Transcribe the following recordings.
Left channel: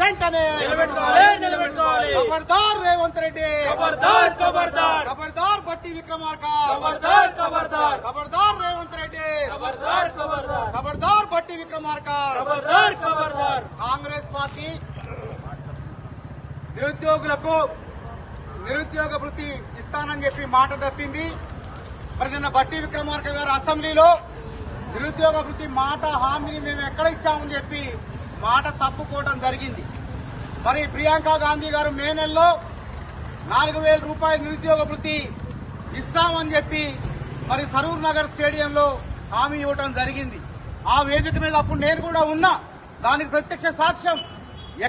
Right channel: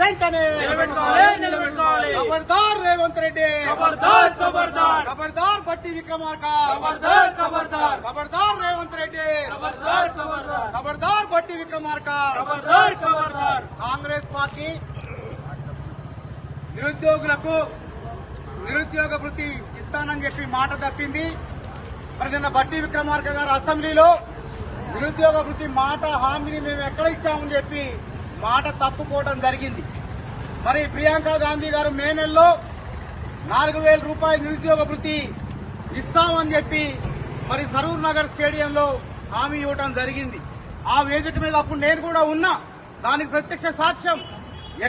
వెంటనే నిలబెట్టాలి, నిలబెట్టాలి. ఖబర్దార్ రేవంత్ రెడ్డి. ఖబర్దార్ ఖబర్దార్ ఖబర్దార్ బట్టి విక్రమార్క. ఖబర్దార్ ఖబర్దార్ ఖబర్దార్ రేవంత్ రెడ్డి. ఖబర్దార్ ఖబర్దార్ ఖబర్దార్ బట్టి విక్రమార్క. ఖబర్దార్ ఖబర్దార్ కాంగ్రెస్ పార్టీ నిరుద్యోగులకు నిరుద్యోగ వృత్తి ఇస్తానని చెప్పి మాట తప్పింది. మరి నిన్న బట్టి విక్రమార్క గారు అసెంబ్లీలో నిరుద్యోగ వృత్తి మాట హామీని మేము ఎక్కడ ఇచ్చామని చెప్పి మాట తప్పుకోవడం జరిగింది. మరి ప్రియాంక గాంధీ గారు మే నెలలో నాలుగు వేల రూపాయల నిరుద్యోగ వృత్తి ఇస్తామని చెప్పి మరి సరూర్ నగర్ స్టేడియంలో హామీ ఇవ్వడం జరిగింది. ఆ వేదిక మీద అప్పుడు నేను కూడా ఉన్నా. దానికి ప్రత్యక్ష సాక్ష్యం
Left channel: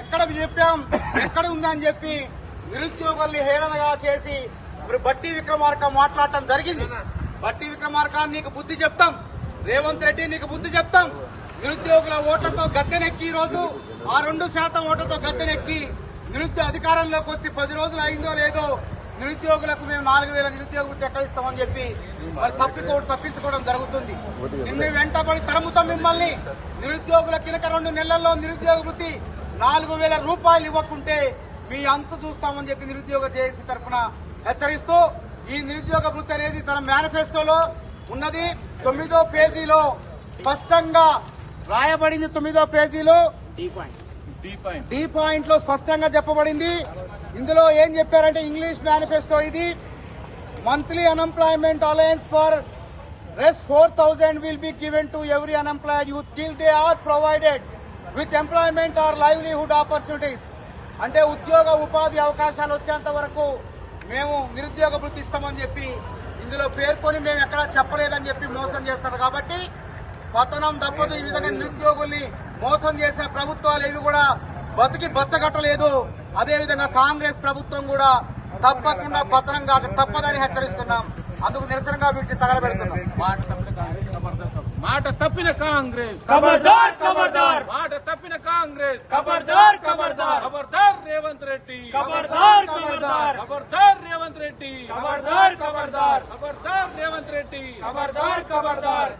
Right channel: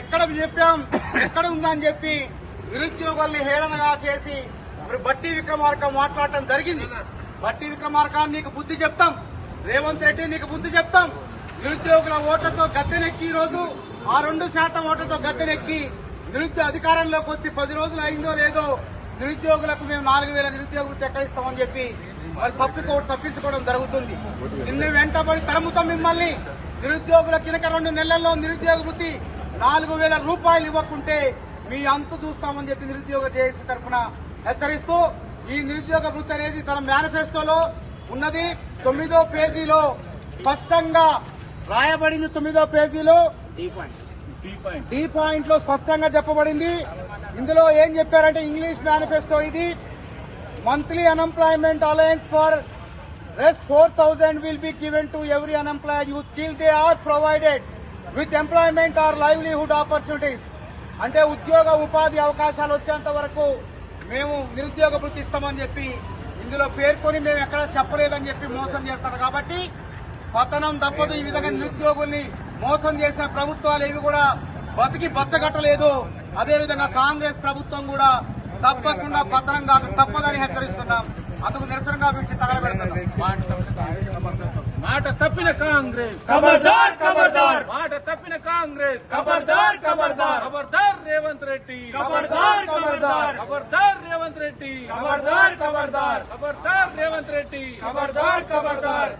ఎక్కడ చెప్పాం ఎక్కడ ఉందని చెప్పి నిరుద్యోగుల్ని హేళనగా చేసి మరి బట్టి విక్రమార్క మాట్లాడటం జరిగింది. బట్టి విక్రమార్క నీకు బుద్ధి చెప్తాం. రేవంత్ రెడ్డి నీకు బుద్ధి చెప్తాం. నిరుద్యోగుల ఓట్లతో గద్దెనెక్కి ఈరోజు రోజు ఆ రెండు శాతం ఓట్లతో గద్దెనెక్కి నిరుద్యోగ అధికారంలోకి వచ్చి పది రోజులు అయిందో లేదో నిరుద్యోగులకు మేము నాలుగు వేల నిరుద్యోగులు వృత్తి ఎక్కడ ఇస్తామని చెప్పి మరి తప్పికో తప్పించుకోవడం జరుగుతుంది. నిన్న వెంటబడి తరుముతాం మిమ్మల్ని. నిరుద్యోగుల కినక రెండు నెలల్లో నిరుద్యోగ వృత్తి నాలుగు వేల రూపాయలు ఇవ్వకుంటే మీ అంత చూస్తామని చెప్పి నిరుద్యోగ జేఏసీ తరఫున హెచ్చరిస్తూ ఈ నిరుద్యోగ వృత్తి అనేది తన మేనిఫెస్టోలో ఉన్నది. తొమ్మిదో పేజీలో స్పష్టంగా రాయబడింది తొమ్మిదో పేజీలో. D point. లో స్పష్టంగా చెప్పబడింది. ఇందులో ఏం చెప్పారంటే ఇంగ్లీష్ మేనిఫెస్టో ఇది. Monthly unemployment allowance for rest four thousand will be given to every unemployed youth till they are provided with employment or livelihood opportunities అంటే ఉద్యోగ ఉపాధి అవకాశాలు వచ్చేంత వరకు మేము నిరుద్యోగ వృత్తి ఇస్తామని చెప్పి ఇందులో పేర్కొని మేము ఎక్కడా చెప్పలేదని చెప్పి మోసం చేస్తారు. కాబట్టి పతనం తప్పదు. ఈ విధంగా నిరుద్యోగుల్ని మోసం చేసే ప్రభుత్వాలు ఏవి కూడా బతికి బతకట్టలేదు అదేవిధంగా కాంగ్రెస్ ప్రభుత్వం కూడా తప్పకుండా పతనం కాక తప్పదని హెచ్చరిస్తున్నాం. అందుకు నిరసనగా వీటిని తగలబెడుతున్నాం. మాట తప్పిన కాంగ్రెస్. ఖబర్దార్ ఖబర్దార్ మాట తప్పిన కాంగ్రెస్. ఖబర్దార్ ఖబర్దార్ ఖబర్దార్ రేవంత్ రెడ్డి. ఖబర్దార్ ఖబర్దార్ ఖబర్దార్ రేవంత్ రెడ్డి. ఖబర్దార్ ఖబర్దార్ ఖబర్దార్ రేవంత్ రెడ్డి. ఖబర్దార్ ఖబర్దార్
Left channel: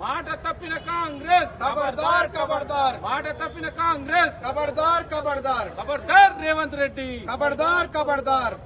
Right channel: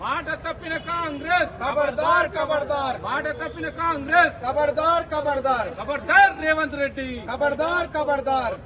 మాట తప్పిన కాంగ్రెస్ ఖబర్దార్ ఖబర్దార్ మాట తప్పిన కాంగ్రెస్ ఖబర్దార్ ఖబర్దార్ ఖబర్దార్ రేవంత్ రెడ్డి ఖబర్దార్ ఖబర్దార్